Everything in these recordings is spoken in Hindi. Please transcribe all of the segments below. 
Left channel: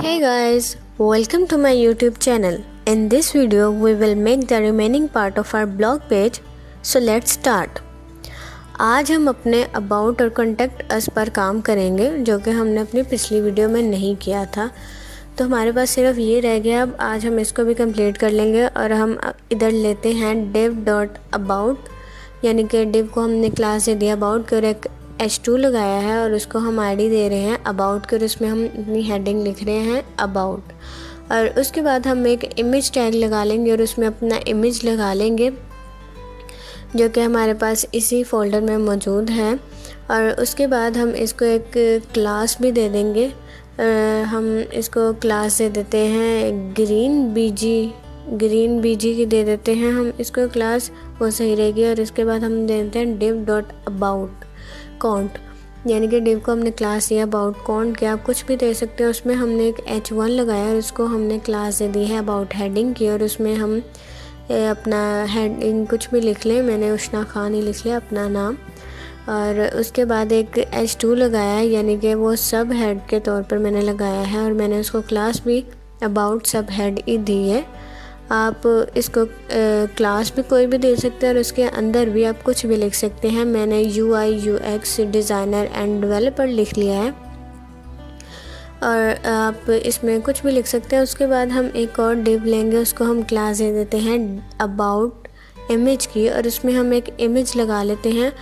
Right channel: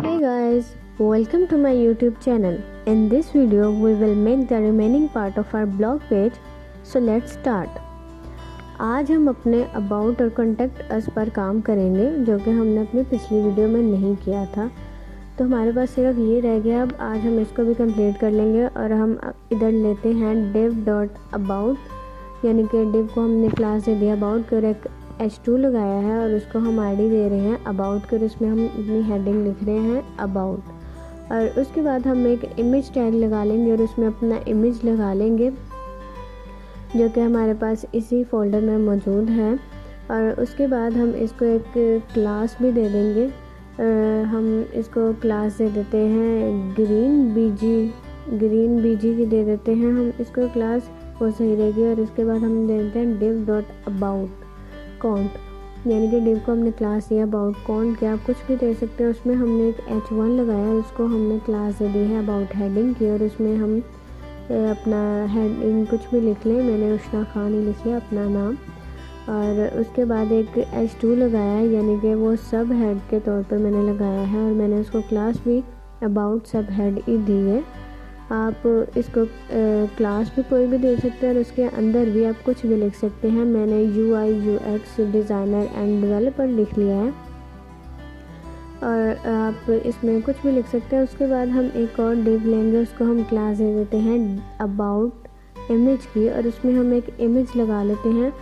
Hey guys, welcome to my YouTube channel. In this video, we will make the remaining part of our blog page. So let's start. आज हम अपने अबाउट और कॉन्टैक्ट अस पर काम करेंगे, जो कि हमने अपनी पिछली वीडियो में नहीं किया था। तो हमारे पास सिर्फ ये रह गया। अब आज हम इसको भी कंप्लीट कर लेंगे और हम इधर लेते हैं div.about, यानी कि div को हमने क्लास दे दिया अबाउट कर एक h2 लगाया है और उसको हम आईडी दे रहे हैं अबाउट कर, उसमें हम अपनी हेडिंग लिख रहे हैं अबाउट। और उसके बाद हम एक इमेज टैग लगा लेंगे और उसमें अपना इमेज लगा लेंगे, जो कि हमारे पास इसी फोल्डर में मौजूद है। और उसके बाद हम इसको एक क्लास भी दे देंगे। हम इसको क्लास दे देते हैं ग्रीन बीजी की दे देते हैं हम इसको क्लास, वो सही रहेगी। और इसके बाद हम दे देते हैं div.about काउंट, यानी कि div को हमने क्लास दिया अबाउट काउंट के, आप कुछ भी दे सकते हैं। उसमें हमने एक h1 लगाया और उसको हमने क्लास दे दी है अबाउट हेडिंग की, और उसमें हम अपना हेडिंग कुछ भी लिख लें। मैंने उष्णा खान ही लिख लिया अपना नाम। और उसके बाद एक h2 लगाया है, यानी कि वो सब हेड के तौर पर मैंने लगाया है, और मैंने उसको क्लास भी अबाउट सब हेड ही दी है। आप इसको क्लास भी कोई भी दे सकते हैं और उसके अंदर भी आप कुछ भी लिख सकते हैं। मैंने UI UX designer end developer लिख लिया है, और आप इसमें कुछ भी लिख सकते हैं। उसके बाद हम एक और div लेंगे, उसको हम क्लास दे देते हैं अबाउट इमेज की, और उसमें हम एक इमेज लगा लेते हैं।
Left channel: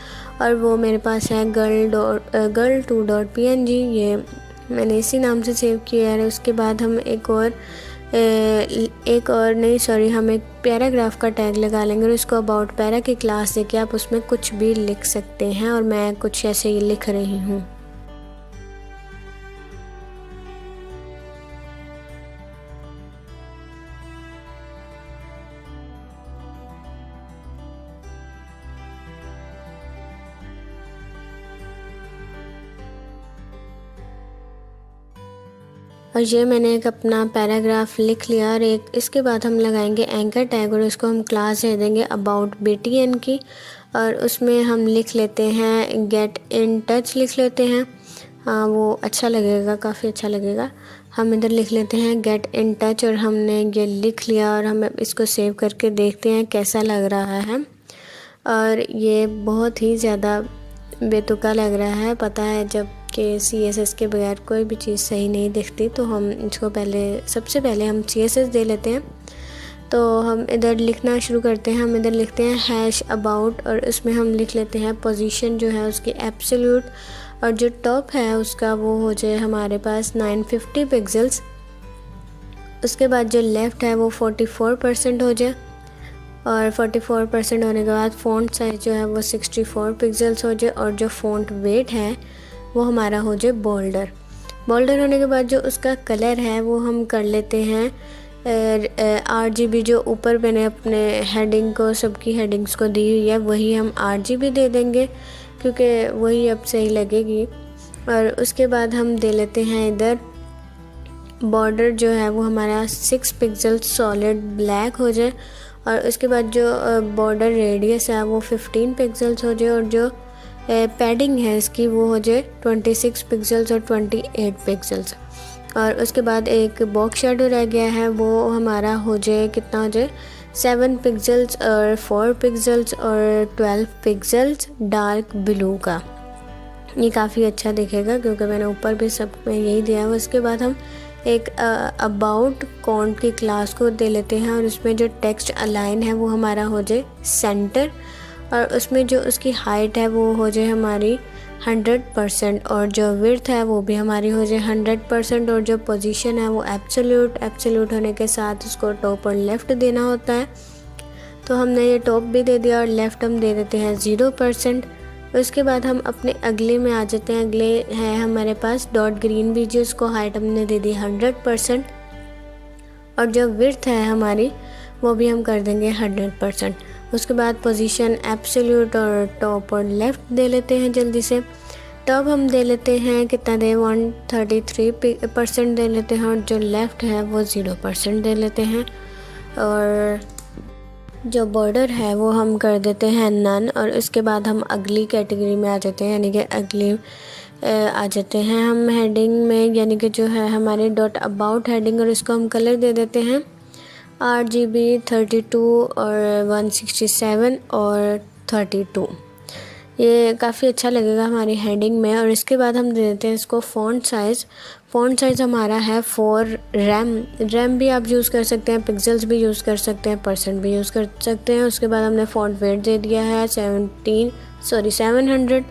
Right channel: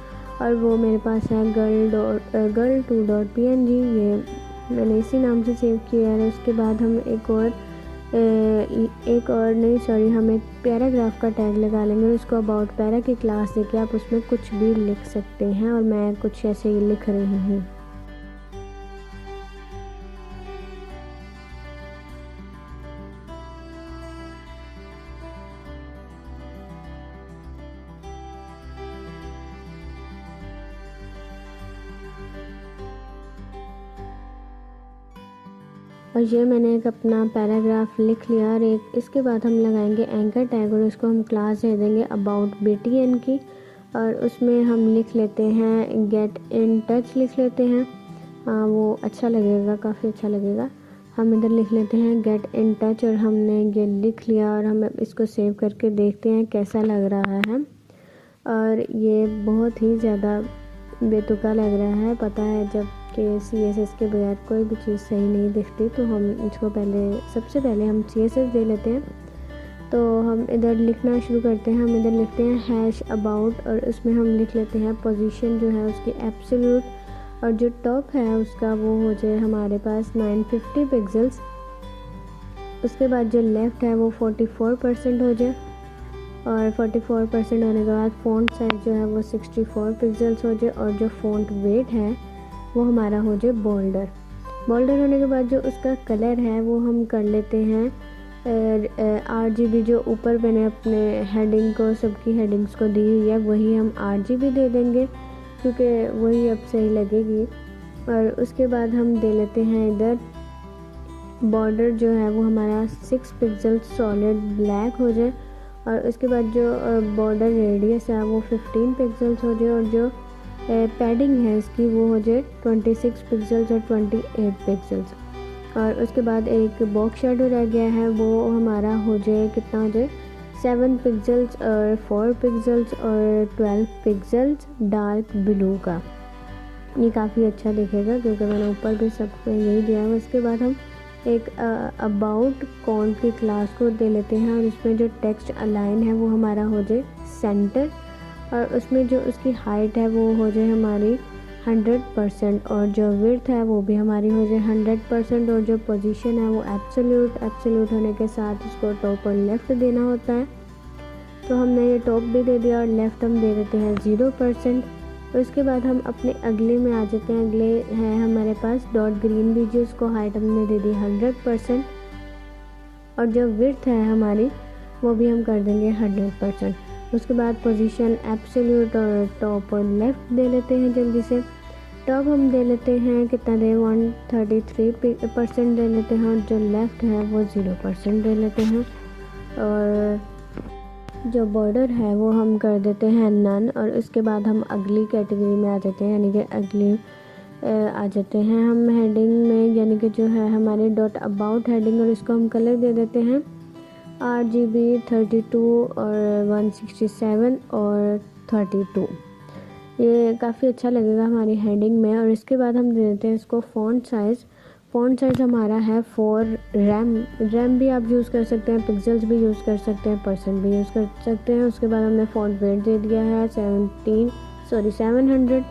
और वो मेरे पास है girl2.png, ये मैंने इसी नाम से सेव किया है। उसके बाद हम हम एक पैराग्राफ का टैग लगा लेंगे और उसको अबाउट पैरा की क्लास देके आप उसमें कुछ भी लिख सकते हैं, और मैं कुछ ऐसे ही लिख रही हूँ। और ये मैंने एक अपना पैराग्राफ लिख लिया। और एक इसके बाद हम लगाएंगे एंकर टैग और उसको हम क्लास दे देंगे अबाउट BTN की, और उसमें हम लिख लेते हैं गेट इन टच लिख लेते हैं। हाँ, वो अच्छा लगेगा, काफ़ी अच्छा लगेगा। हम इधर लिख लेते हैं गेट इन टच, और हमने ये लिख लिया। और हम इसको सेव करके देखते हैं कैसा लग रहा है। और ये बहुत ही ज़्यादा बेतुका लग रहा है, पता है, जब कि CSS के बगैर कोई भी चीज़ सही नहीं दिखती। तो हम इसको सबसे पहले हम CSS दे लेते हैं। तो हम इधर लिखना शुरू करते हैं। हम इधर लिखते हैं #about, और उसमें हम लिख लेते हैं पोजीशन जो है उसकी एब्सोल्यूट, और जो टॉप है उसका वो हो जाए हमारे पास 950 पिक्सल्स। उसके बाद जो लेफ़्ट है वो 44% हो जाए, और 44% होने के बाद फ़ॉन्ट साइज़ जो है वो 64 पिक्सल्स हो जाए, और जो फ़ॉन्ट वेट है वो हमारा हो जाए बोल्डर होने के बाद जो उसका कलर है वो हम कर लेते हैं RGB। जो ऊपर मैंने अपने हेडिंग को, सबकी हेडिंग्स को दी हुई है, वही हम RGB दे देंगे, क्योंकि वही अब सही लगेगी। और उसके बाद हम दे लेते हैं इधर बॉर्डर जो है वो हमारा 6 पिक्सल सॉलिड ब्लैक हो जाए, और उसके बाद जो बॉर्डर रेडियस है वो 15 पिक्सल्स हो जाए, और जो पैडिंग है इसकी वो हो जाए 26 पिक्सल्स और 28 पिक्सल्स। और उसके बाद एक बॉक्स शेडो रह गया है, वो हमारा हो जाए, कितना हो जाए 7 पिक्सल्स और 4 पिक्सल्स और 12 पिक्सल्स डार्क ब्लू का। ये काफ़ी अच्छा दिखेगा क्योंकि मैंने ऊपर भी सब में यही दिया है। उसके बाद हम एक अबाउट काउंट की क्लास को दे लेते हैं, और उसमें जो टेक्स्ट अलाइन है वो हमारा हो जाए सेंटर, और उसमें जो उसकी हाइट है वो हो जाए हमारी 100%, और जो विड्थ है वो भी हमारी हो जाए 100%, और जो पोजीशन है वो एब्सोल्यूट होने के साथ उसको टॉप और लेफ़्ट देना होता है। तो हमने ये टॉप भी दे दिया और लेफ़्ट हम दे देते हैं 0%। उसके बाद हम अपने अगले में आ जाते हैं। अगले है हमारे पास ग्रीन बीजी, उसको हाइट हमने दे दी 100%, और जो विड्थ है हमारी वो भी हम कर देंगे 100%। उसके बाद पोजीशन एब्सोल्यूट और टॉप और लेफ़्ट दे लेते हैं जल्दी से। टॉप हम दे लेते हैं कितना दे 133% दे लेते हैं, और जो लेफ़्ट है वो 0% दे लेते हैं। और जो बॉर्डर है वो हम कर देते हैं नन, और उसके बाद हम अगली कैटेगरी में आ जाते हैं, यानी कि अगली आ जाते हैं हम हेडिंग में, यानी कि जो है हमारे डॉट अबाउट हेडिंग, और इसको हम कलर दे देते हैं RGB 32 और 167 और 32। ये काफ़ी अच्छा लगेगा हमारी हेडिंग में। और इसके बाद हम दे देते हैं इसको फ़ॉन्ट साइज़ हमारा है 4। रैम भी आप यूज़ कर सकते हैं, पिक्सल्स भी यूज़ कर सकते हैं, परसेंट भी यूज़ कर सकते हैं। उसके बाद हमने फ़ॉन्ट वेट दे दिया है 700।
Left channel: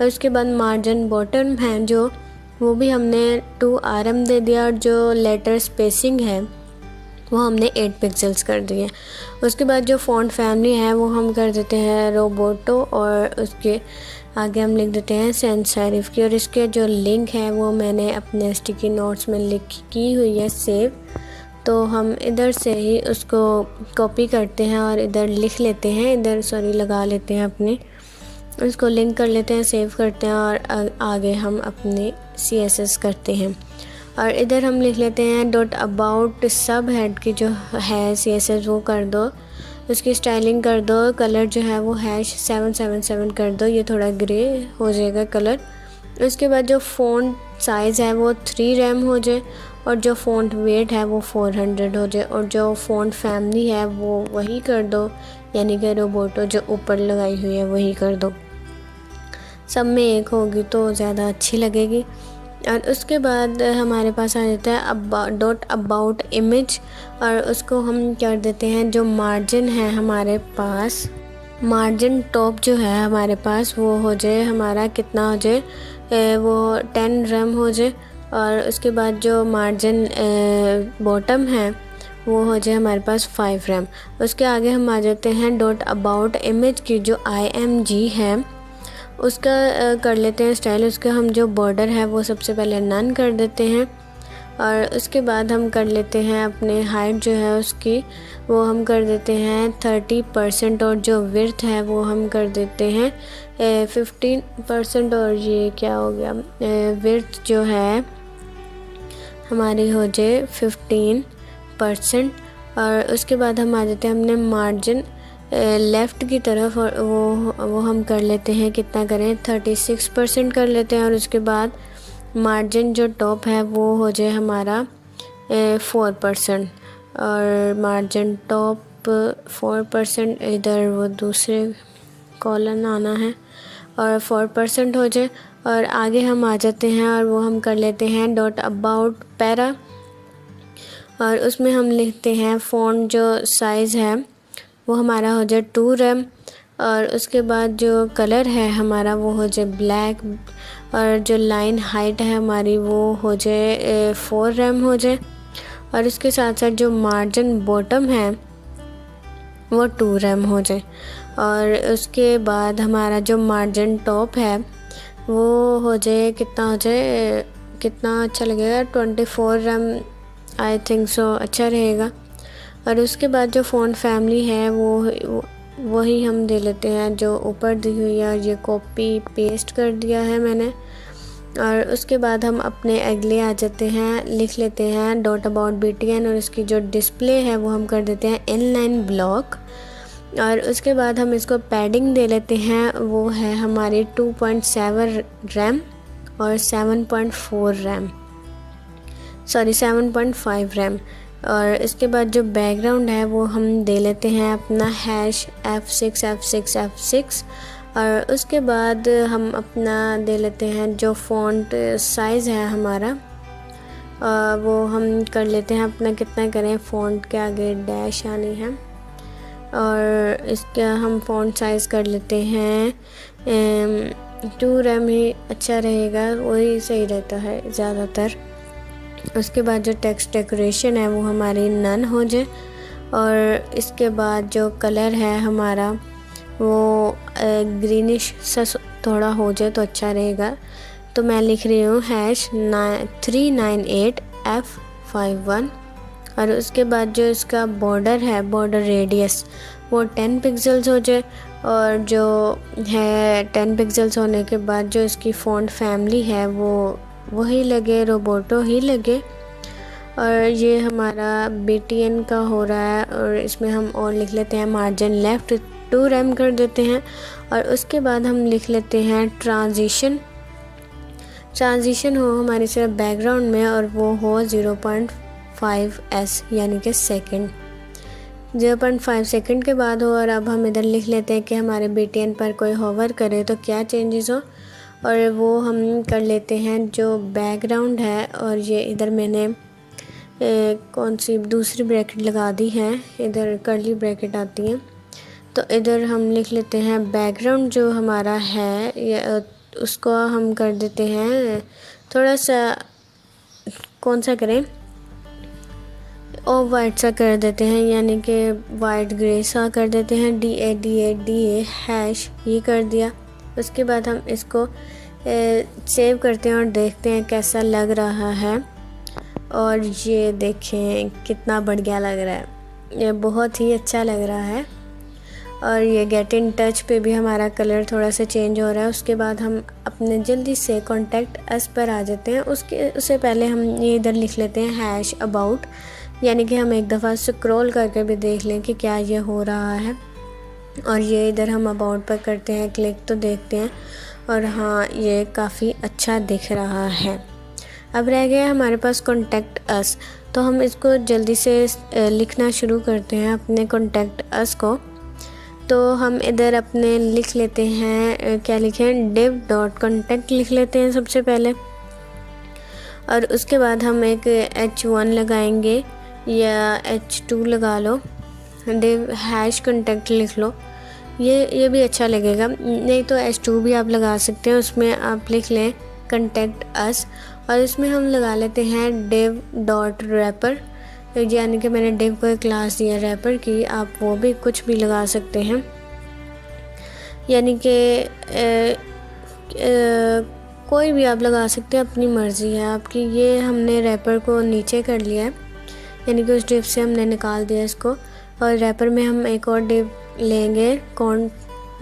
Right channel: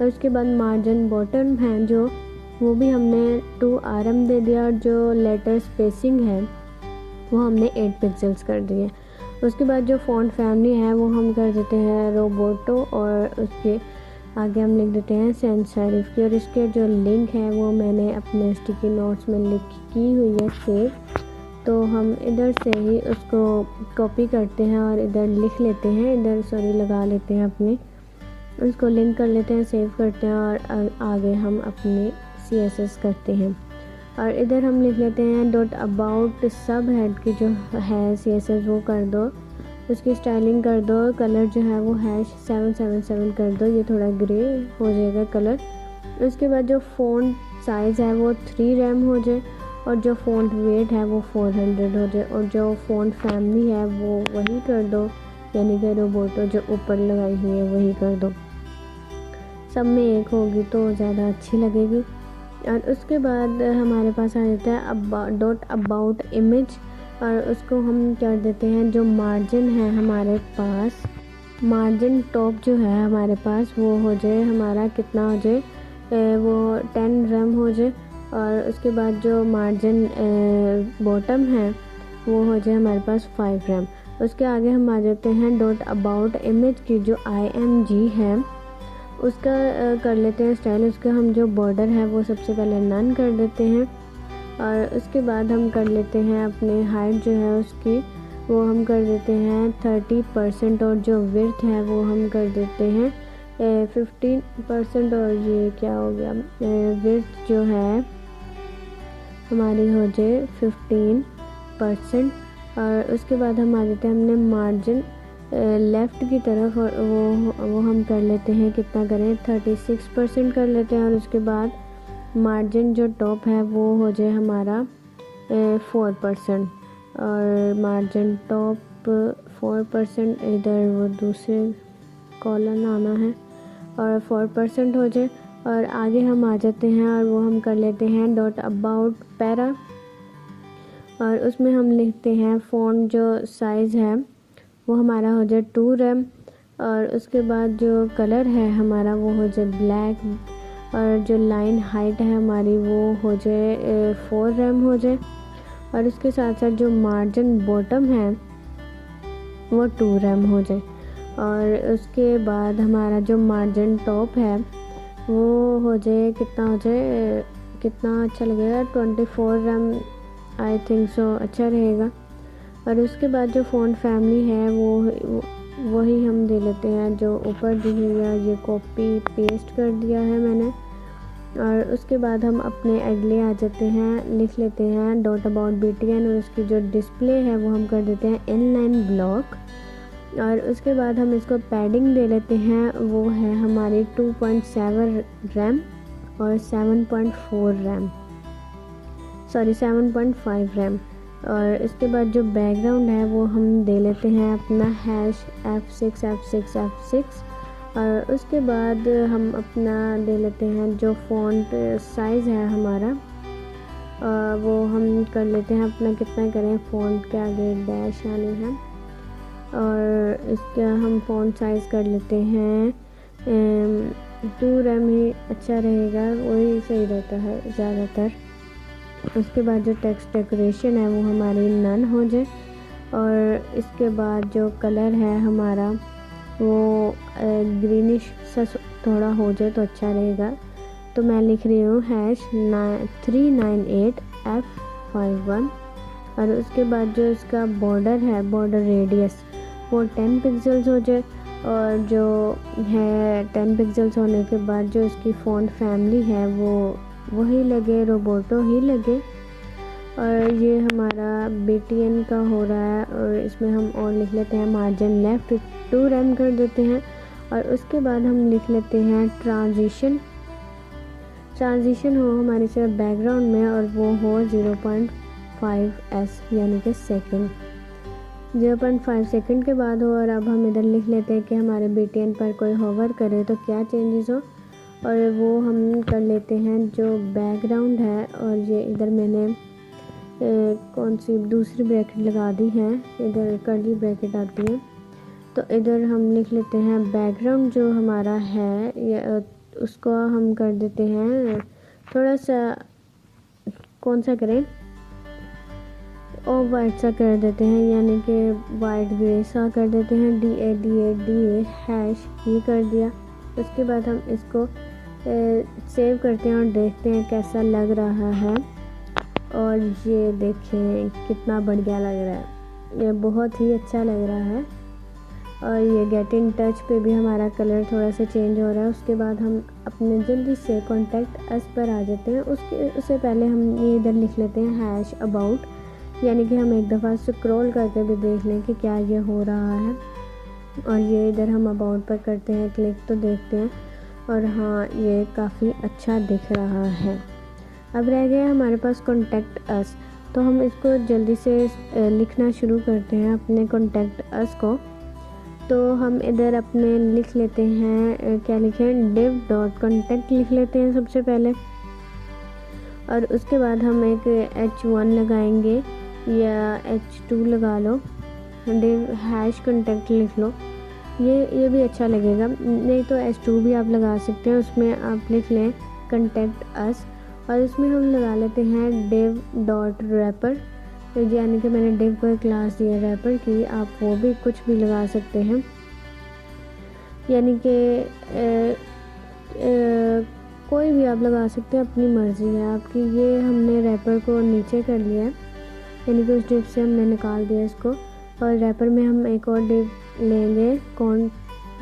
और उसके बाद मार्जिन बॉटम है जो, वो भी हमने 2 RM दे दिया, और जो लेटर स्पेसिंग है वो हमने 8 पिक्सल्स कर दिए। उसके बाद जो फ़ॉन्ट फैमिली है वो हम कर देते हैं रोबोटो, और उसके आगे हम लिख देते हैं सैंस सेरिफ की। और इसके जो लिंक है वो मैंने अपने स्टिकी नोट्स में की हुई है सेव, तो हम इधर से ही उसको कॉपी करते हैं और इधर लिख लेते हैं, इधर लगा लेते हैं अपने, उसको लिंक कर लेते हैं, सेव करते हैं, और आगे हम अपने CSS करते हैं। और इधर हम लिख लेते हैं डॉट अबाउट सब हेड की जो है CSS वो कर दो, उसकी स्टाइलिंग कर दो, कलर जो है वो #777 कर दो, ये थोड़ा ग्रे हो जाएगा कलर। उसके बाद जो फ़ॉन्ट साइज़ है वो 3 रैम हो जाए, और जो फ़ॉन्ट वेट है वो 400 हो जाए, और जो फ़ॉन्ट फैमिली है वो वही कर दो, यानी कि रोबोटो जो ऊपर लगाई हुई है वही कर दो। सब में एक होगी तो ज़्यादा अच्छी लगेगी। और उसके बाद हमारे पास आ जाता है डॉट अबाउट इमेज, और उसको हम कर देते हैं जो मार्जिन है हमारे पास, मार्जिन टॉप जो है हमारे पास वो हो जाए हमारा, कितना हो जाए वो 10 रैम हो जाए। और उसके बाद जो मार्जिन बॉटम है वो हो जाए हमारे पास 5 रैम। उसके आगे हम आ जाते हैं डॉट अबाउट इमेज की जो IMG है उसका कर लेते हैं स्टाइल। उसका हम जो बॉर्डर है वो सबसे पहले नन कर देते हैं, और उसके बाद हम कर लेते हैं अपने हाइट जो है उसकी, वो हम कर देते हैं 30%, और जो विड्थ है वो हम कर देते हैं 15%। और ये क्या हो गया, विड्थ जो है हमारी हो जाए 15%। और उसके बाद हम आ जाते हैं हमने मार्जिन लेफ़्ट की तरफ, और वो हम कर लेते हैं, कितना करें 36% कर लेते हैं। और उसके बाद मार्जिन जो टॉप है वो हो जाए हमारा 4%, और मार्जिन टॉप 4%, इधर वो दूसरे कॉलन आना है, और 4% हो जाए। और आगे हम आ जाते हैं और वो हम कर लेते हैं डॉट अबाउट पैरा, और उसमें हम लिखते हैं फ़ॉन्ट जो साइज़ है वो हमारा हो जाए 2 रैम। और उसके बाद जो कलर है हमारा वो हो जाए ब्लैक, और जो लाइन हाइट है हमारी वो हो जाए 4 रैम हो जाए। और इसके साथ साथ जो मार्जिन बॉटम है वो 2 रैम हो जाए। और उसके बाद हमारा जो मार्जिन टॉप है वो हो जाए, कितना हो जाए, कितना अच्छा लगेगा 24 रैम, आई थिंक सो अच्छा रहेगा। और उसके बाद जो फ़ॉन्ट फैमिली है वो वही हम दे लेते हैं जो ऊपर दी हुई है, ये कॉपी पेस्ट कर दिया है मैंने। और उसके बाद हम अपने अगले आ जाते हैं, लिख लेते हैं डॉट अबाउट BTN, और इसकी जो डिस्प्ले है वो हम कर देते हैं इनलाइन ब्लॉक। और उसके बाद हम इसको पैडिंग दे लेते हैं, वो है हमारी 2.7 रैम और 7.5 रैम। और इसके बाद जो बैकग्राउंड है वो हम दे लेते हैं अपना #F6 और उसके बाद हम अपना दे लेते हैं जो फ़ॉन्ट साइज़ है हमारा, वो हम कर लेते हैं अपना, कितना करें, फ़ॉन्ट के आगे डैश आनी है, और इसका हम फ़ॉन्ट साइज़ कर लेते हैं 2 रैम ही अच्छा रहेगा, वही सही रहता है ज़्यादातर। उसके बाद जो टेक्स्ट डेकोरेशन है वो हमारी नन हो जाए। और इसके बाद जो कलर है हमारा वो ग्रीनिश सा थोड़ा हो जाए तो अच्छा रहेगा। तो मैं लिख रही हूँ #398F51। और उसके बाद जो इसका बॉर्डर है, बॉर्डर रेडियस, वो 10 पिक्सल्स हो जाए। और जो है 10 पिक्सल्स होने के बाद जो इसकी फ़ॉन्ट फैमिली है वो वही लगे, रोबोटो ही लगे। और ये हमारा BTN का हो रहा है। और इसमें हम और लिख लेते हैं मार्जिन लेफ़्ट 2 रैम कर देते हैं। और उसके बाद हम लिख लेते हैं ट्रांजिशन ट्रांजिशन हो हमारी सिर्फ बैकग्राउंड में और वो हो 0.5s यानी कि सेकंड। 0.5 सेकंड के बाद हो और अब हम इधर लिख लेते हैं कि हमारे BTN पर कोई होवर करे तो क्या चेंजेस हो, और वो हम कर लेते हैं जो बैकग्राउंड है। और ये इधर मैंने कौन सी दूसरी ब्रैकेट लगा दी है, इधर कर्ली ब्रैकेट आती है, तो इधर हम लिख लेते हैं बैकग्राउंड जो हमारा है ये उसको हम कर देते हैं थोड़ा सा, कौन सा करें, और वाइट सा कर देते हैं, यानी कि वाइट ग्रे सा कर देते हैं, DA हैश ये कर दिया। उसके बाद हम इसको सेव करते हैं और देखते हैं कैसा लग रहा है। और ये देखें कितना बढ़िया लग रहा है, ये बहुत ही अच्छा लग रहा है। और ये गेट इन टच पे भी हमारा कलर थोड़ा सा चेंज हो रहा है। उसके बाद हम अपने जल्दी से कॉन्टैक्ट अस पर आ जाते हैं। उससे पहले हम ये इधर लिख लेते हैं हैश अबाउट, यानी कि हम एक दफ़ा स्क्रॉल करके भी देख लें कि क्या ये हो रहा है। और ये इधर हम अबाउट पर करते हैं क्लिक तो देखते हैं, और हाँ ये काफ़ी अच्छा दिख रहा है। अब रह गया हमारे पास कॉन्टैक्ट अस, तो हम इसको जल्दी से लिखना शुरू करते हैं अपने कॉन्टैक्ट अस को। तो हम इधर अपने लिख लेते हैं, क्या लिखें, div.contact लिख लेते हैं सबसे पहले। और उसके बाद हम एक H1 लगाएंगे या H2 लगा लो, div हैश contact लिख लो, ये भी अच्छा लगेगा। नहीं तो H2 भी आप लगा सकते हैं, उसमें आप लिख लें contact us, और इसमें हम लगा लेते हैं div.wrapper, यानी कि मैंने div को एक क्लास दिया रैपर की, आप वो भी कुछ भी लगा सकते हैं, यानी कि कोई भी आप लगा सकते हैं, अपनी मर्ज़ी है आपकी। ये हमने रैपर को नीचे कर लिया है, यानी कि उस div से हमने निकाल दिया इसको। और रैपर में हम एक और div लेंगे कॉन्ट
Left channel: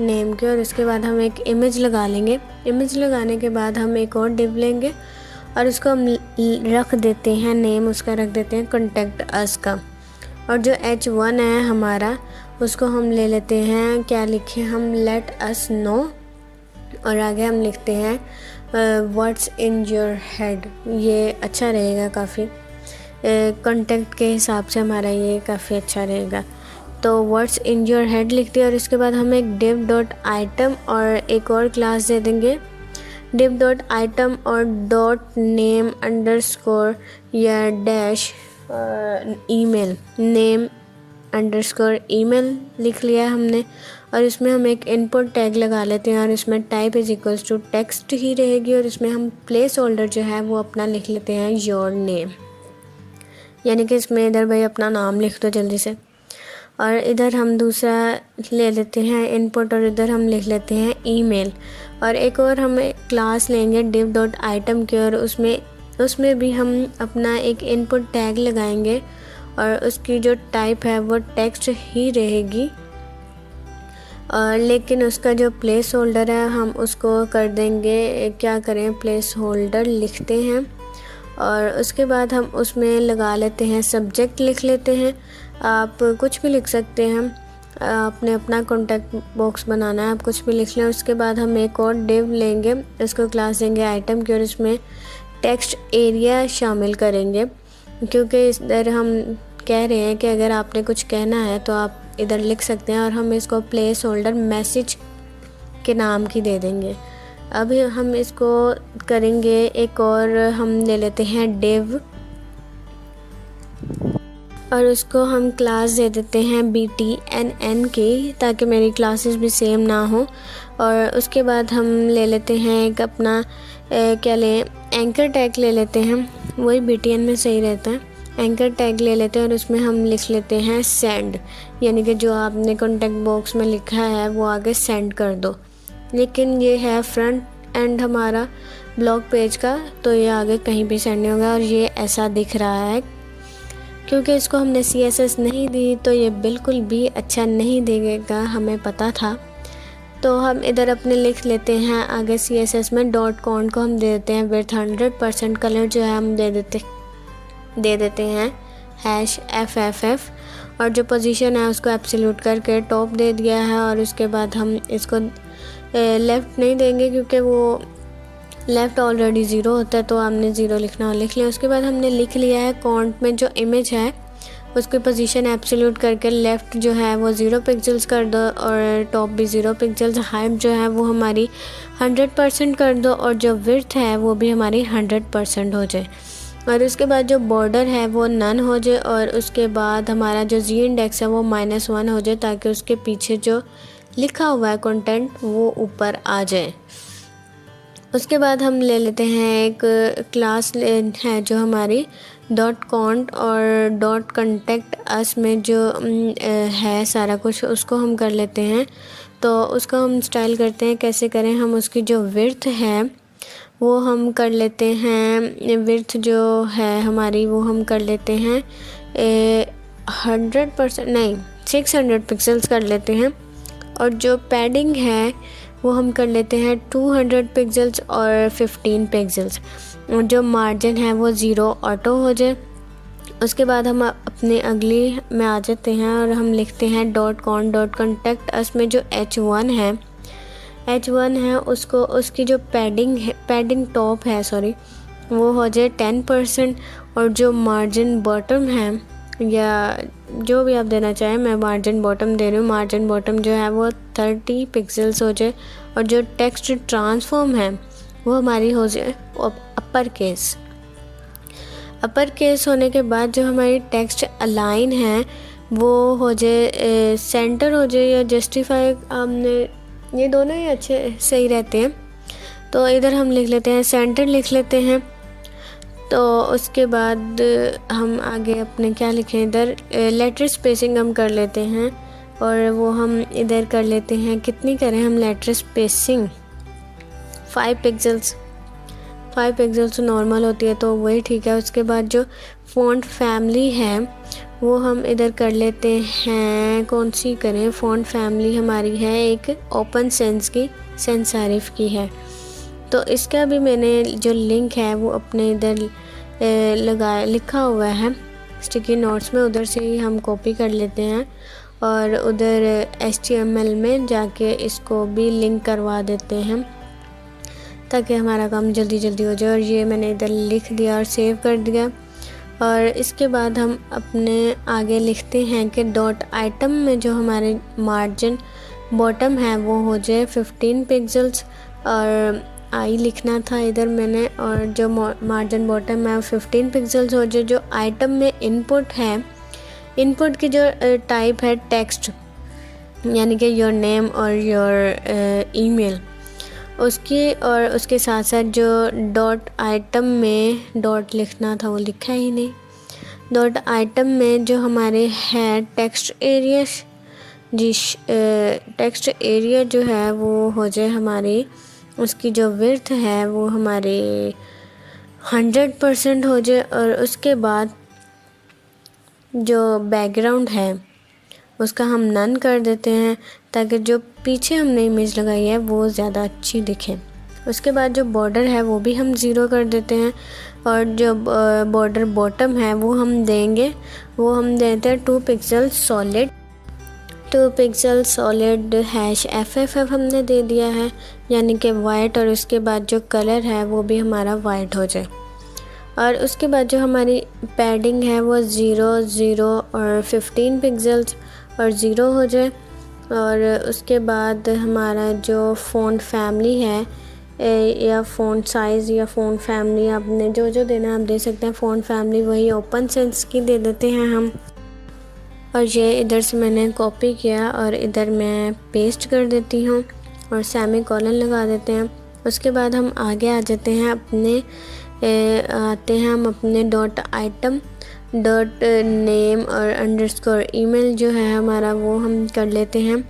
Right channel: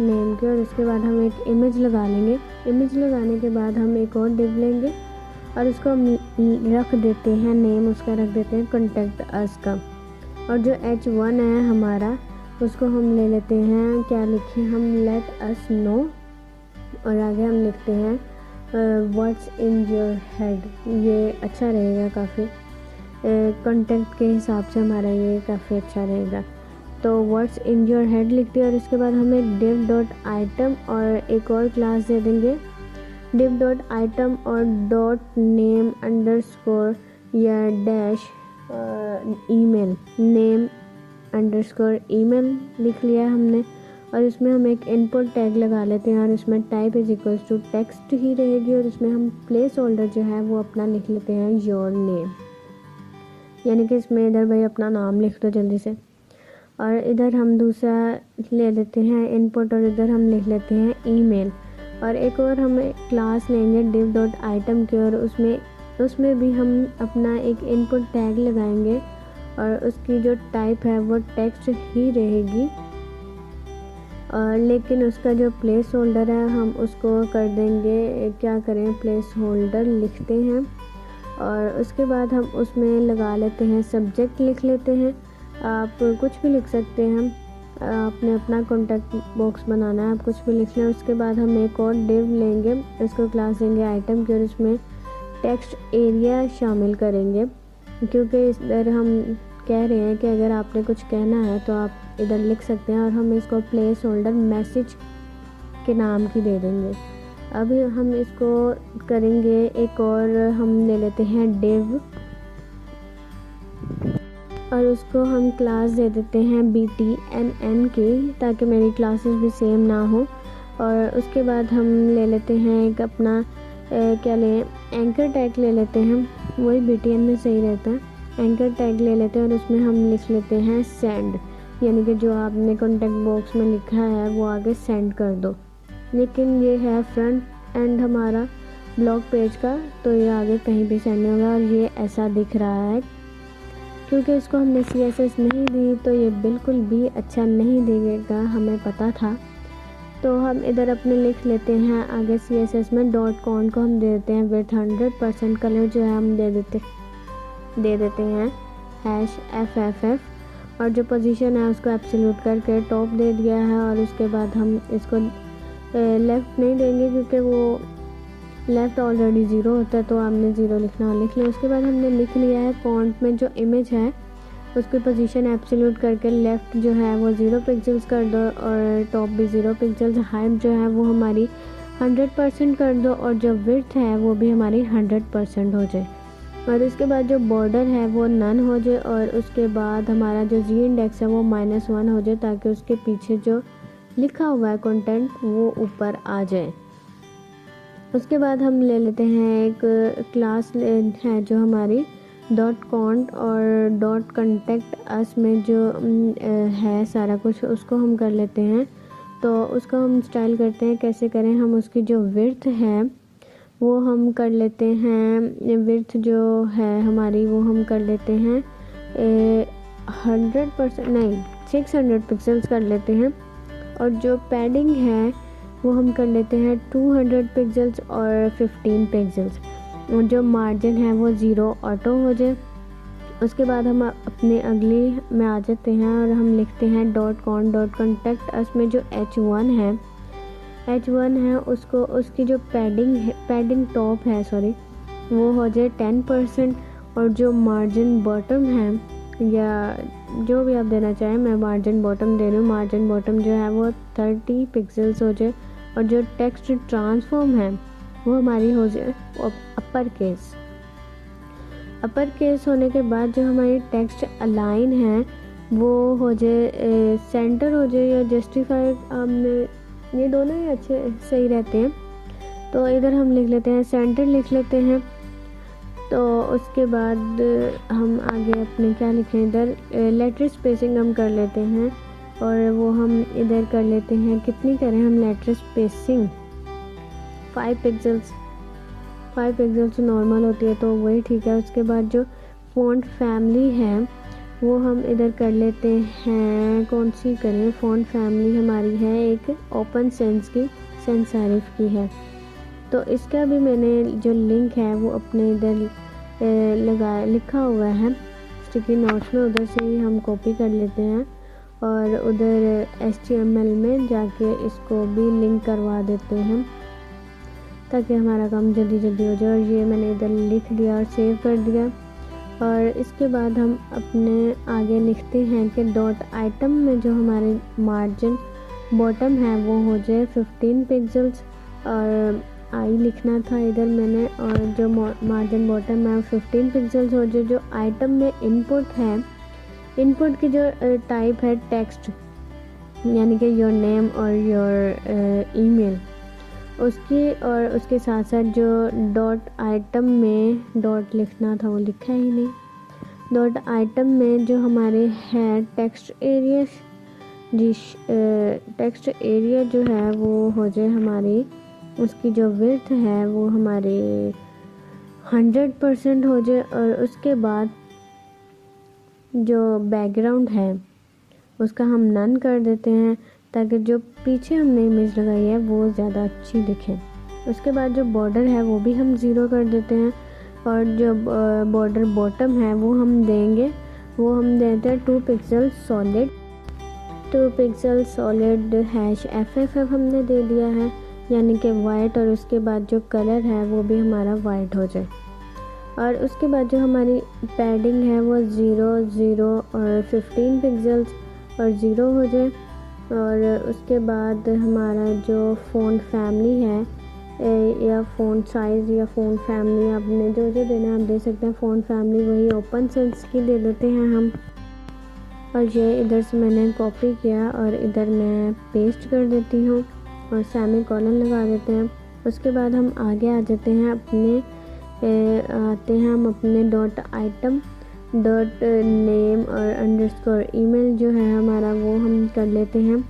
नेम के, और उसके बाद हम एक इमेज लगा लेंगे। इमेज लगाने के बाद हम एक और div लेंगे और उसको हम रख देते हैं नेम, उसका रख देते हैं कॉन्टैक्ट अस का। और जो H1 है हमारा, उसको हम ले लेते हैं, क्या लिखे हम, लेट अस नो, और आगे हम लिखते हैं व्हाट्स इन योर हेड। ये अच्छा रहेगा काफ़ी, कॉन्टैक्ट के हिसाब से हमारा ये काफ़ी अच्छा रहेगा। तो व्हाट्स इन योर हेड लिख दिया, और इसके बाद हम एक div.item और एक और क्लास दे देंगे div.item और .name अंडरस्कोर या dash email, name underscore email लिख लिया हमने। और इसमें हम एक इनपुट टैग लगा लेते हैं, और इसमें type is equals to text ही रहेगी, और इसमें हम प्लेस होल्डर जो है वो अपना लिख लेते हैं योर नेम, यानी कि इसमें इधर भाई अपना नाम लिख दो जल्दी से। और इधर हम दूसरा ले लेते हैं इनपुट, और इधर हम लिख लेते हैं ईमेल। और एक और हम क्लास लेंगे div.item की, और उसमें भी हम अपना एक इनपुट टैग लगाएंगे, और उसकी जो टाइप है वो टेक्स्ट ही रहेगी। और लेकिन उसका जो प्लेस होल्डर है हम उसको कर देंगे, क्या करें, प्लेस होल्डर लिखते हैं। और उसके बाद हम उसमें लगा लेते हैं सब्जेक्ट लिख लेते हैं, आप कुछ भी लिख सकते हैं, आपने अपना कॉन्टैक्ट बॉक्स बनाना है, आप कुछ भी लिख लें। उसके बाद हम एक और div लेंगे, इसको क्लास देंगे आइटम की, और इसमें टेक्स्ट एरिया शामिल करेंगे, क्योंकि इधर हम कह रहे हैं कि अगर आपने कुछ कहना है तो आप इधर लिख सकते हैं। और हम इसको प्लेस होल्डर मैसेज के नाम की दे देंगे। अब हम इसको करेंगे एक और, हम ले लेते हैं div, और उसको हम क्लास दे देते हैं BTNN की, ताकि मेरी क्लासेस भी सेम ना हो। और उसके बाद हम ले लेते हैं एक अपना क्या लें, एंकर टैग ले लेते हैं, वही BTN में सही रहता है। एंकर टैग ले लेते हैं और उसमें हम लिख लेते हैं सेंड, यानी कि जो आपने कॉन्टैक्ट बॉक्स में लिखा है वो आगे सेंड कर दो। लेकिन ये है फ्रंट एंड हमारा ब्लॉग पेज का, तो ये आगे कहीं भी सेंड नहीं होगा। और ये ऐसा दिख रहा है, क्योंकि इसको हमने CSS नहीं दी तो ये बिल्कुल भी अच्छा नहीं देगा, हमें पता था। तो हम इधर अपने लिख लेते हैं आगे CSS में .con को हम दे देते हैं विड्थ 100%, कलर जो है हम दे देते हैं #FFF, और जो पोजीशन है उसको एब्सोल्यूट करके टॉप दे दिया है। और उसके बाद हम इसको लेफ़्ट नहीं देंगे, क्योंकि वो लेफ़्ट ऑलरेडी 0 होता है तो आपने 0 लिखना और लिख लिया। उसके बाद हमने लिख लिया है कॉन्ट में जो इमेज है उसकी पोजीशन एब्सोल्यूट करके लेफ़्ट जो है वो 0 पिक्सेल्स कर दो और टॉप भी 0 पिक्सेल्स। हाइट जो है वो हमारी 100% कर दो और जो विड्थ है वो भी हमारी 100% हो जाए। और उसके बाद जो बॉर्डर है वो नन हो जाए और उसके बाद हमारा जो जी इंडेक्स है वो -1 हो जाए ताकि उसके पीछे जो लिखा हुआ है कंटेंट वो ऊपर आ जाए। उसके बाद हम ले लेते हैं एक क्लास है जो हमारी .cont और .contact us में जो है सारा कुछ उसको हम कर लेते हैं। तो उसको हम स्टाइल करते हैं, कैसे करें, हम उसकी जो विड्थ है वो हम कर लेते हैं, विड्थ जो है हमारी वो हम कर लेते हैं 100% नहीं 600 पिक्सेल्स कर लेते हैं। और जो पैडिंग है वो हम कर लेते हैं 200 पिक्सेल्स और 15 पिक्सेल्स। और जो मार्जिन है वो 0 ऑटो हो जाए। उसके बाद हम अपने अगली में आ जाते हैं और हम लिखते हैं .contact us में जो H1 है उसको उसकी जो पैडिंग टॉप है वो हो जाए 10% और जो मार्जिन बॉटम है या जो भी आप देना चाहें, मैं मार्जिन बॉटम दे रही हूँ, मार्जिन बॉटम जो है वो 30 पिक्सेल्स हो जाए। और जो टेक्स्ट ट्रांसफॉर्म है वो हमारी हो जाए अपर केस होने के बाद जो हमारी टेक्स्ट अलाइन है वो हो जाए सेंटर हो जाए या जस्टिफाई, हमने ये दोनों ही अच्छे सही रहते हैं। तो इधर हम लिख लेते हैं सेंटर लिख लेते हैं। तो उसके बाद हम आगे अपने क्या लिखें, इधर लेटर स्पेसिंग हम कर लेते हैं और वो हम इधर कर लेते हैं, कितनी करें हम लेटर स्पेसिंग 5 पिक्सेल्स नॉर्मल होती है तो वही ठीक है। उसके बाद जो फ़ॉन्ट फैमिली है वो हम इधर कर लेते हैं, कौन सी करें, फ़ॉन्ट फैमिली हमारी है एक ओपन सेंस की, सेंस सेरिफ की है। तो इसका भी मैंने जो लिंक है वो अपने इधर लिखा हुआ है स्टिकी नोट्स में, उधर से ही हम कॉपी कर लेते हैं और उधर HTML में जाके इसको भी लिंक करवा देते हैं ताकि हमारा काम जल्दी हो जाए। और ये मैंने इधर लिख दिया और सेव कर दिया। और इसके बाद हम अपने आगे लिखते हैं कि .item में जो हमारे मार्जिन बॉटम है वो हो जाए 15 पिक्सेल्स और आई लिखना था इधर मैंने, और जो मार्जिन बॉटम है 15 पिक्सेल्स हो जाए। जो आइटम में इनपुट है, इनपुट की जो टाइप है टेक्स्ट यानी कि योर नेम और योर ईमेल उसकी, और उसके साथ साथ जो .item में डॉट लिखना था वो लिखा ही नहीं। .item में जो हमारे है टेक्स्ट एरिया, टेक्स्ट एरिया जो है वो हो जाए हमारी, उसकी जो विड्थ है वो हमारी 100% हो जाए। और उसके बाद जो बैकग्राउंड है उसका हम नन कर देते हैं ताकि जो पीछे हमने इमेज लगाई है वो ज़्यादा अच्छी दिखे। उसके बाद जो बॉर्डर है वो भी हम 0 कर देते हैं और जो बॉर्डर बॉटम है वो हम देते हैं 2 पिक्सल सॉलिड #FFF हमने दे दिया है यानी कि वाइट, और उसके बाद जो कलर है वो भी हमारा वाइट हो जाए। और उसके बाद जो हमारी पैडिंग है वो 0 और 15 पिक्सेल्स और 0 हो जाए। और उसके बाद हमारा जो फ़ॉन्ट फैमिली है या फ़ॉन्ट साइज़ या फ़ॉन्ट फैमिली आपने जो देना आप दे सकते हैं। फ़ॉन्ट फैमिली वही ओपन सेंस की दे देते हैं हम। और ये इधर से मैंने कॉपी किया और इधर मैं पेस्ट कर देती हूँ और सेमी कॉलन लगा देते हैं। उसके बाद हम आगे आ जाते हैं अपने हम अपने .item .name और _email जो है हमारा वो हम कर लेते हैं।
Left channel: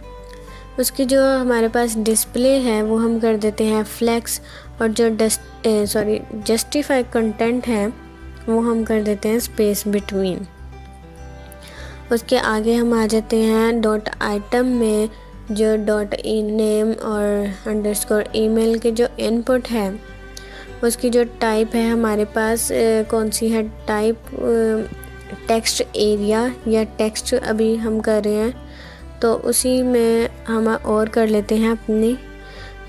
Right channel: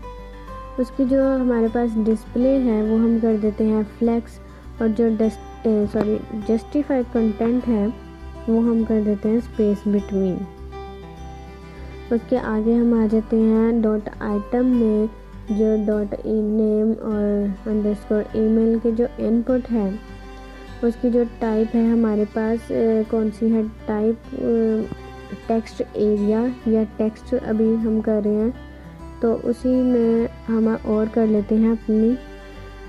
उसकी जो हमारे पास डिस्प्ले है वो हम कर देते हैं फ्लेक्स, और जो जस्टिफाई कंटेंट है वो हम कर देते हैं स्पेस बिटवीन। उसके आगे हम आ जाते हैं .item में जो .name और _email के जो इनपुट है उसकी जो टाइप है हमारे पास कौन सी है टाइप, टेक्स्ट एरिया या टेक्स्ट अभी हम कर रहे हैं तो उसी में हम और कर लेते हैं अपनी।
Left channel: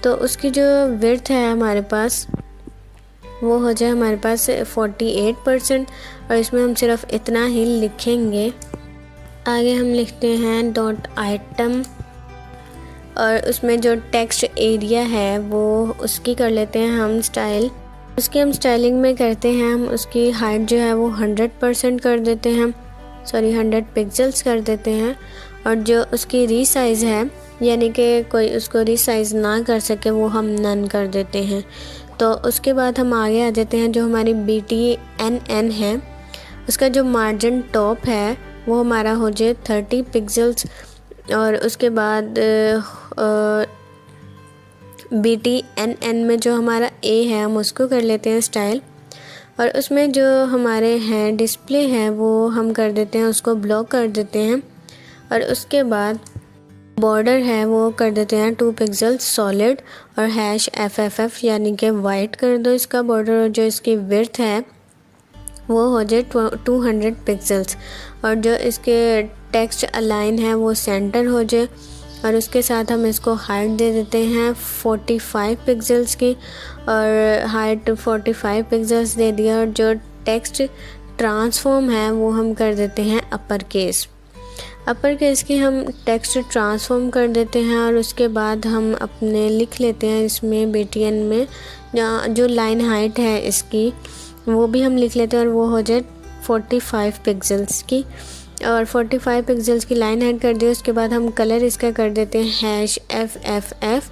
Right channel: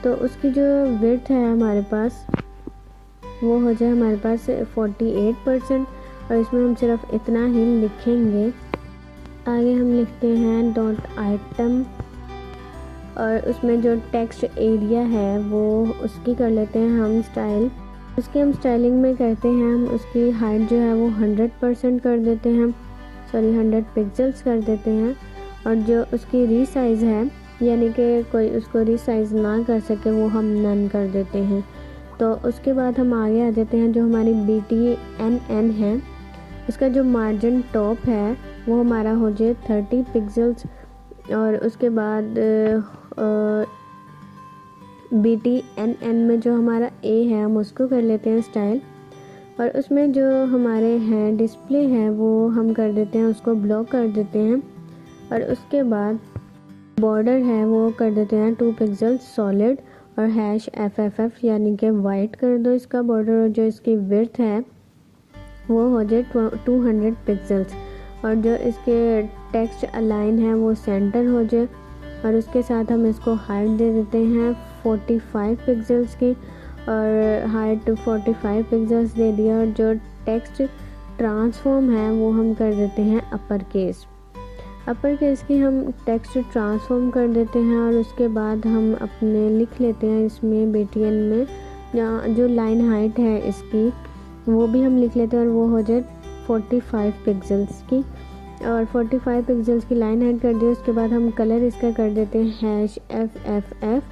तो उसकी जो विड्थ है हमारे पास वो हो जाए हमारे पास 48%, और इसमें हम सिर्फ इतना ही लिखेंगे। आगे हम लिखते हैं डॉट आइटम, और उसमें जो टेक्स्ट एरिया है वो उसकी कर लेते हैं हम स्टाइल। उसकी हम स्टाइलिंग में करते हैं, हम उसकी हाइट जो है वो 100% कर देते हैं, 100 पिक्सल्स कर देते हैं। और जो उसकी रीसाइज़ है, यानी कि कोई उसको रीसाइज़ ना कर सके, वो हम नन कर देते हैं। तो उसके बाद हम आगे आ जाते हैं, जो हमारी BTNN है उसका जो मार्जिन टॉप है वो हमारा हो जाए 30 पिक्सल्स। और उसके बाद BTNN में जो हमारा A है हम उसको कर लेते हैं स्टाइल, और उसमें जो हमारे हैं डिस्प्ले है वो हम कर देते हैं, उसको ब्लॉक कर देते हैं। और उसके बाद बॉर्डर है वो कर देते हैं 2 पिक्सल्स सॉलिड, और #FFF यानी कि वाइट कर दो इसका बॉर्डर। और जो इसकी विड्थ है वो हो जाए 200 पिक्सल्स, और जो इसके टेक्स्ट अलाइन है वो सेंटर हो जाए। और उसके साथ हम इसको हाइट दे देते हैं 45 पिक्सल्स की, और हाइट 45 पिक्सल्स दे दिया। और जो टेक्स्ट ट्रांसफॉर्म है वो हम कर देते हैं अपर केस की हम टेक्स्ट ट्रांसफॉर्म कर देते हैं। और उसके बाद हम अपने लिख लेते हैं इसमें BTN में जो लाइन हाइट है इसकी वो भी हम लिख लेते हैं, और वो हो जाए 45 पिक्सल्स की, और 45 पिक्सल्स की लाइन हाइट कर दी। उसके बाद हम कलर इसका कर देते हैं #FFF,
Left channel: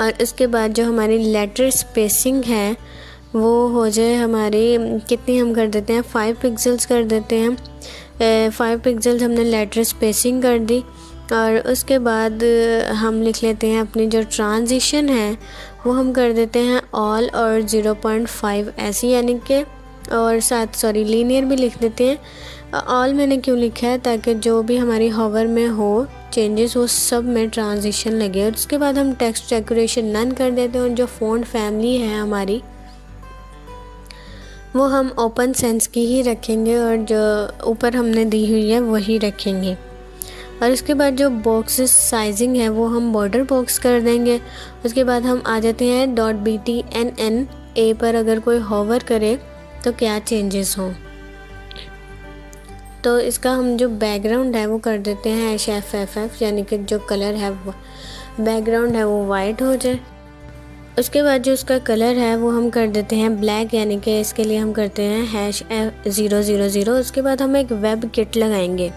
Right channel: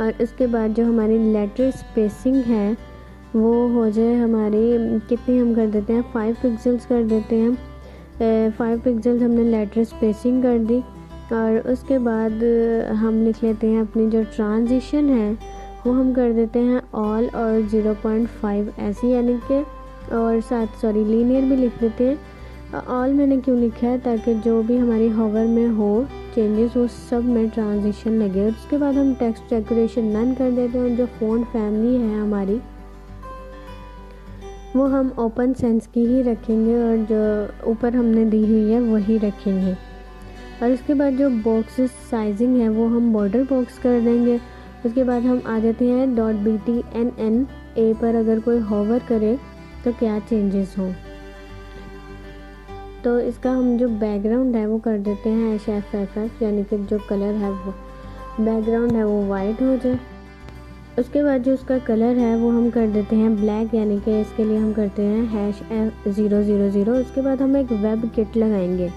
और उसके बाद जो हमारी लेटर स्पेसिंग है वो हो जाए हमारी कितनी, हम कर देते हैं 5 पिक्सल्स कर देते हैं। 5 पिक्सल्स हमने लेटर स्पेसिंग कर दी। और उसके बाद हम लिख लेते हैं अपनी जो ट्रांजिशन है वो हम कर देते हैं ऑल और 0.5 ऐसी, यानी कि और साथ लीनियर भी लिख देते हैं। ऑल मैंने क्यों लिखा है, ताकि जो भी हमारी हॉवर में हो चेंजेस वो सब में ट्रांजिशन लगे। और उसके बाद हम टेक्स्ट डेकोरेशन नन कर देते हैं, और जो फ़ॉन्ट फैमिली है हमारी वो हम ओपन सेंस की ही रखेंगे, और जो ऊपर हमने दी हुई है वही रखेंगे। और उसके बाद जो बॉक्सेस साइजिंग है वो हम बॉर्डर बॉक्स कर देंगे। उसके बाद हम आ जाते हैं .BTNN A पर अगर कोई हॉवर करे तो क्या चेंजेस हों। तो इसका हम जो बैकग्राउंड है वो कर देते हैं #FFF, यानी कि जो कलर है वो बैकग्राउंड है वो वाइट हो जाए। उसके बाद जो उसका कलर है वो हम कर देते हैं ब्लैक, यानी कि इसके लिए हम करते हैं #000। उसके बाद हम एक वेब किट लगाएंगे।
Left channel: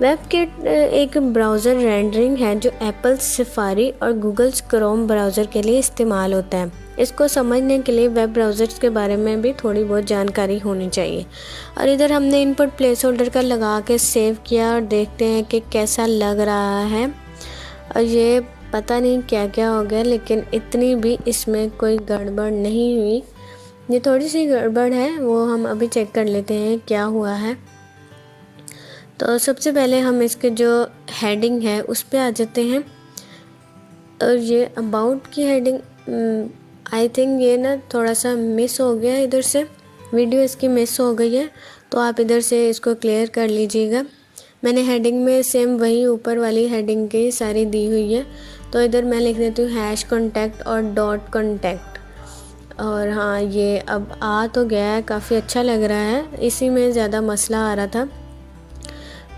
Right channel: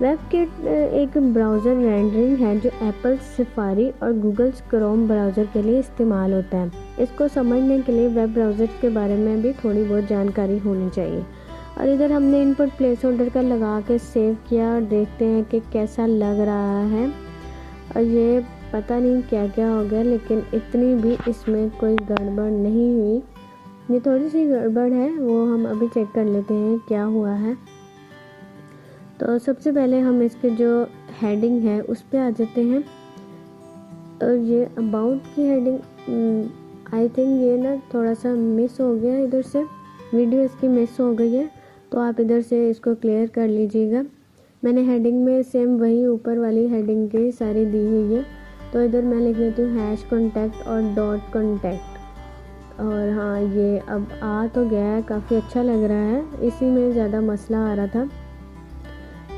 वेब किट एक ब्राउज़र रेंडरिंग है जो एप्पल सफारी और गूगल क्रोम ब्राउज़र के लिए इस्तेमाल होता है। इसको समझने के लिए वेब ब्राउज़र्स के बारे में भी थोड़ी बहुत जानकारी होनी चाहिए। और इधर हमने इनपुट प्लेस होल्डर का लगा के सेव किया, और देखते हैं कि कैसा लग रहा है। और ये पता नहीं क्या क्या हो गया, लेकिन इतनी भी इसमें कोई गड़बड़ नहीं हुई। ये थोड़ी सी गड़बड़ है, वो हम अभी चेक कर लेते हैं क्या हुआ है। तो सबसे पहले हम इसके जो हेडिंग है उस पे आ जाते हैं, और ये अबाउट की हेडिंग आई थिंक ये ना थोड़ा सा मिस हो गया, इधर से वीडियो इसकी मिस हो गई है, तो आप इधर से इसको क्लियर कर लीजिएगा। मैंने हेडिंग में सेम वही ऊपर वाली हेडिंग की सारी दी हुई है, तो इधर मैं लिख देती हूँ #contact और .contact। और हाँ, ये अब आ तो गया है, काफ़ी अच्छा लग रहा है। इसी में ज़्यादा मसला आ रहा था,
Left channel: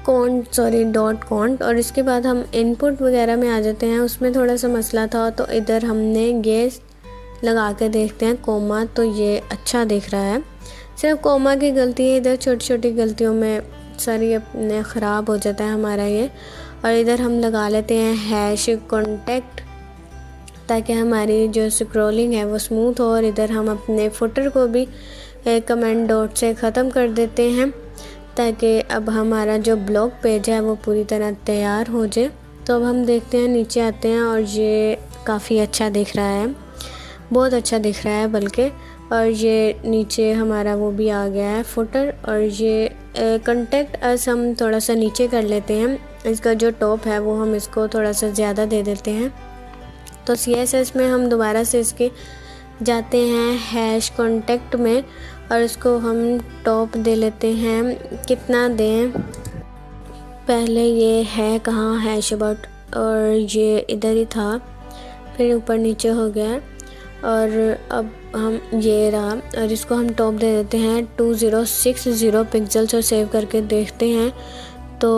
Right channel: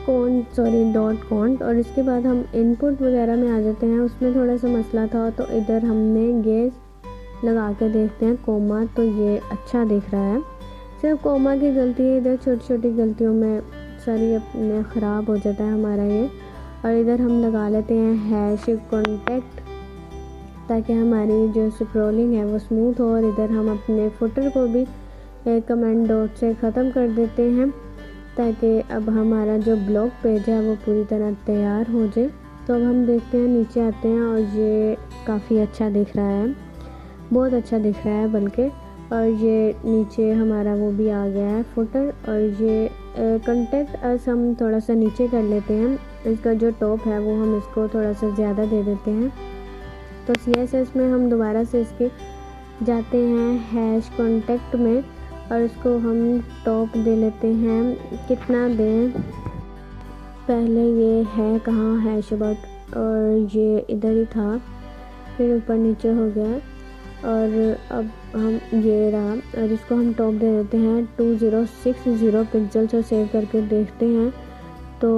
.cont। और इसके बाद हम इनपुट वगैरह में आ जाते हैं, उसमें थोड़ा सा मसला था, तो इधर हमने ये लगा के देखते हैं कोमा, तो ये अच्छा दिख रहा है। सिर्फ कोमा की गलती है, इधर छोटी छोटी गलतियों में सारी अपने ख़राब हो जाता है हमारा ये। और इधर हम लगा लेते हैं #contact, ताकि हमारी जो स्क्रॉलिंग है वो स्मूथ हो। और इधर हम अपने फुटर को भी कमेंट डॉट से ख़त्म कर देते हैं, ताकि अब हमारा जो ब्लॉग पेज है वो पूरी तरह तैयार हो जाए। तो अब हम देखते हैं, नीचे आते हैं, और ये काफ़ी अच्छा दिख रहा है, बहुत अच्छा दिख रहा है बल्कि। और ये नीचे हमारा वो भी आ गया है फुटर। और ये कॉन्टैक्ट अस हम थोड़ा सा नीचे कर लेते हैं, इसका जो टॉप है वो हम इसको थोड़ा सा ज़्यादा दे देते हैं। तो CSS में हम दोबारा से इसके जाते हैं #contact में, और इसको हम टॉप दे लेते हैं, कितना दें, पहले ये है कहाँ #about, और ये इधर ही था, फिर ऊपर नीचे हो गया। और अब हम ये रहा, और इसको हम टॉप दे देते हैं 2060 पिक्सल्स और सेव करके देखते हैं तो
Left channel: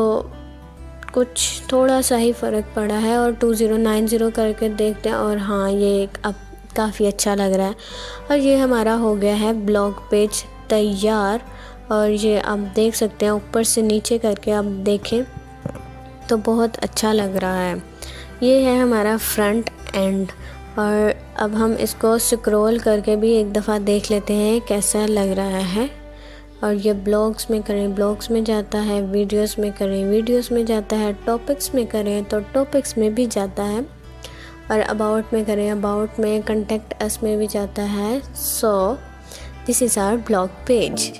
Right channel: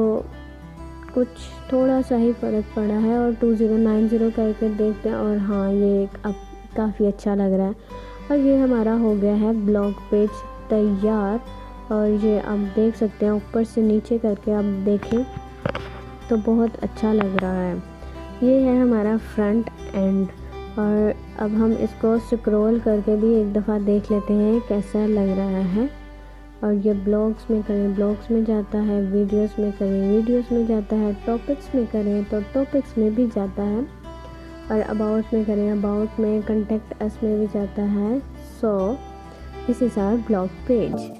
कुछ थोड़ा सा ही फ़र्क पड़ा है। और 2090 करके देखते हैं और हाँ, ये अब काफ़ी अच्छा लग रहा है। और ये हमारा हो गया है ब्लॉग पेज तैयार। और ये आप देख सकते हैं ऊपर से नीचे करके आप देखें तो बहुत अच्छा लग रहा है। ये है हमारा फ्रंट एंड। और अब हम इसको स्क्रॉल करके भी एक दफ़ा देख लेते हैं कैसा लग रहा है। और ये ब्लॉग्स में करें, ब्लॉग्स में जाता है, वीडियोस में करें, वीडियोस में जाता है, टॉपिक्स में करें तो टॉपिक्स में भी जाता है, और अबाउट में करें, अबाउट में, कॉन्टेक्ट अस में भी जाता है। So this is our blog page.